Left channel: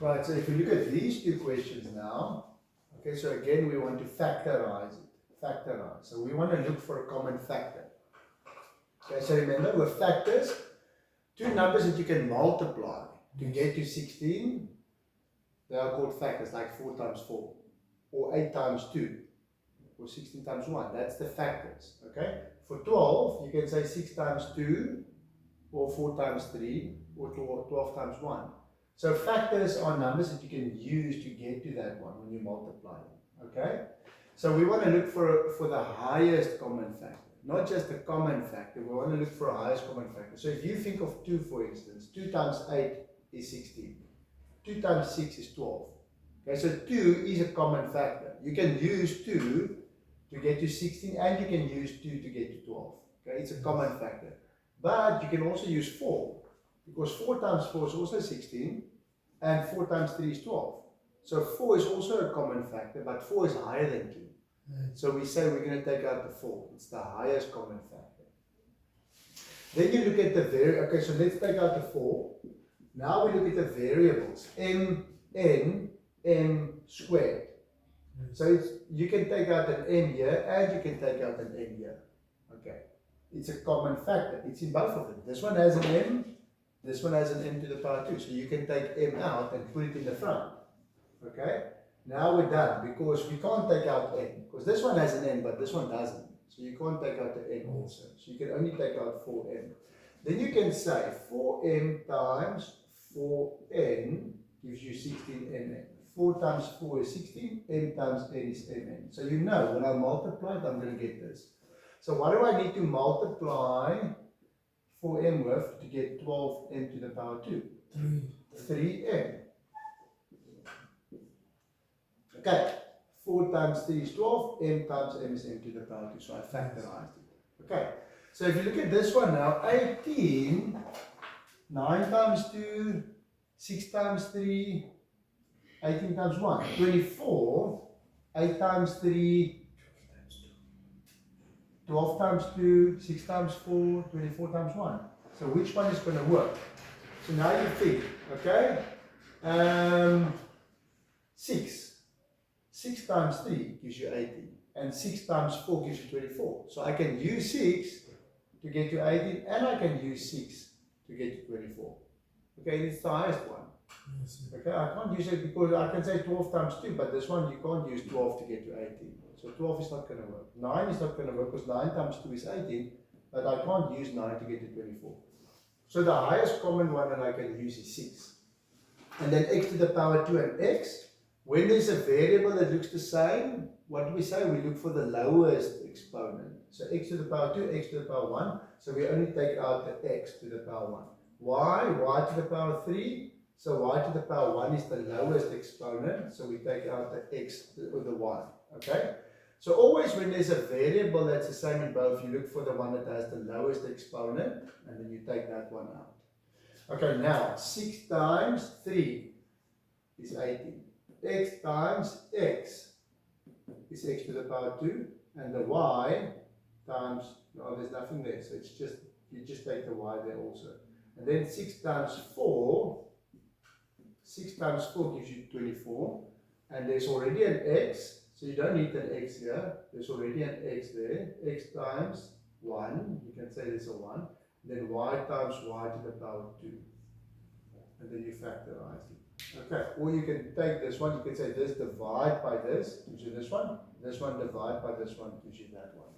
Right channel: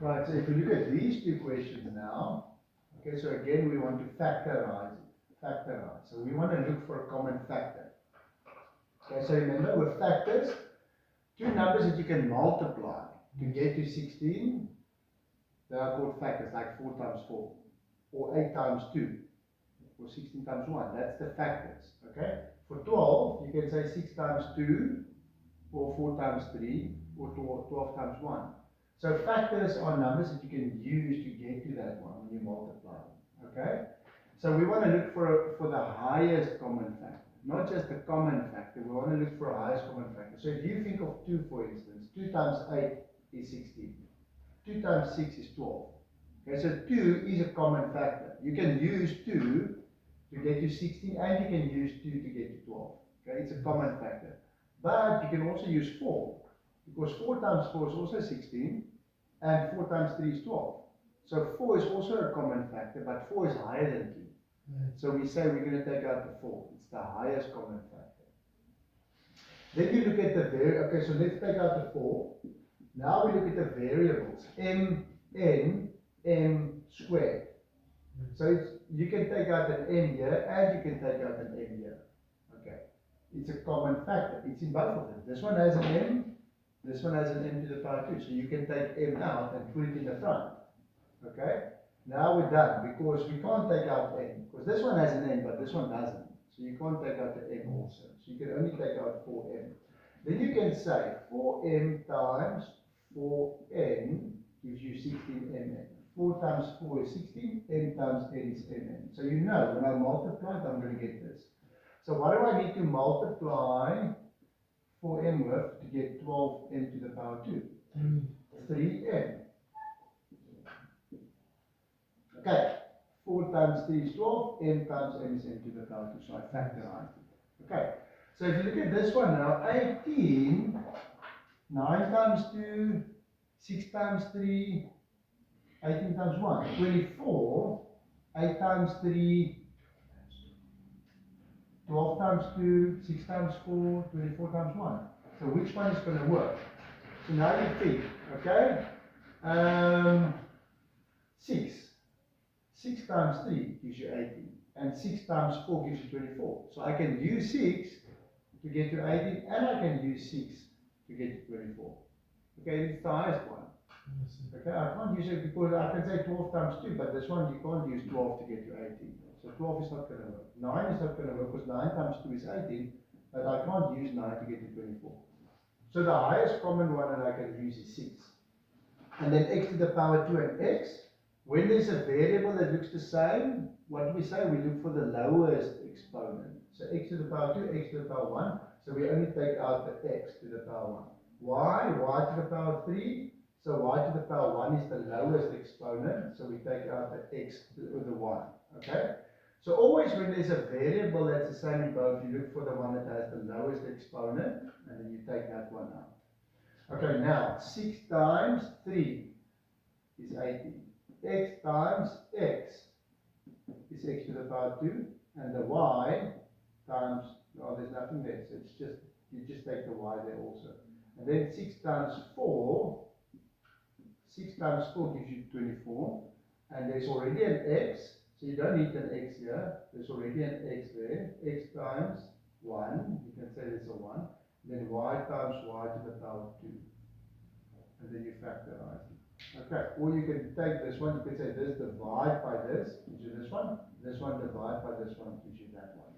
Right, so if we look at these two questions now, okay, so again we want to factorize it. Factorize. So we want to look for a common factor. Okay, so remember with factors, two numbers that you can multiply to get to 16, they are called factors, like 4 times 4, or 8 times 2, or 16 times 1. That's the factors. Okay? For 12, you can say 6 times 2, or 4 times 3, or 12 times 1. So factors are numbers that you can use to get to that one when you multiply them. Okay? So we want to look for the highest common factor. Not just a common factor, we want to look for a highest common factor. So if you think of 2, for instance, 2 times 8 is 16. 2 times 6 is 12. Okay, so 2 is a common factor. You can use 2 to get to 16, and you can use 2 to get to 12. Okay, it's a common factor. But you can also use 4, because 4 times 4 is also 16, and 4 times 3 is 12. So 4 is also a common factor, but 4 is higher than 2. So we say we're going to take out the 4. It's the highest common factor. Then you look at the okay, so let's take out the 4. Now we look at the variables. M, N, M squared. So you can take out an M here, and you can take out an N here. Okay. It's a common factor. It's in both of them. This one has an M, this one has an M to the power 2. So you can take M out and put it in the front. Okay. Now we're done, because we can't take out N, because this one has an N, but this one doesn't. So you can't take out the N also. So you can only take out 4M. Then you can say 4M times 4N gives you 16Mn. 4 times 4 is 16, M times N is Mn. So you know, when I multiply it, I'm going to get this. So what do I need to multiply 4M with to get 12M to the power 2? 3M. Okay, 4 times 3 is 12, M times M is M to the power 2, so I factorized it. Okay, so if you look at this one now, 18, 9 times 2, 6 times 3, 18 times 1, 24, 8 times 3, 12 times 2, 6 times 4, 24 times 1. So which one is going to work? So now you think, okay, 6. 6 times 3 gives you 18, and 6 times 4 gives you 24. So I can use 6 to get to 18, and I can use 6 to get to 24. Okay, it's the highest one. Okay, I can't use it because I can say 12 times 2, but this one you can't use 12 to get to 18. So 12 is not going to work. 9 is not going to work because 9 times 2 is 18, but I can't use 9 to get to 24. So the highest common one that I can use is 6. And then x to the power 2 and x. When there's a variable that looks the same, what do we say? We look for the lowest exponent. So x to the power 2, x to the power 1. So we only take out the x to the power 1. Y? Y to the power 3. So y to the power 1 is the lowest exponent. So we take out the x or the 1. Okay? So always when there's a variable that's the same in both, you look for the one that has the lowest exponent, and then you take that one out. Okay, now 6 times 3 is 18. X times x is x to the power 2, and the y times, no, there's nothing there, so it's just, you just take the y there also. And then 6 times 4, 6 times 4 gives you 24, and there's already an x, so you don't need an x here, there's already an x there, x times 1, you can say there's a 1, then y times y to the power 2, and then you factorize it. Okay, or you can take this one, you can say this divide by this, gives you this one divide by this one, gives you that one.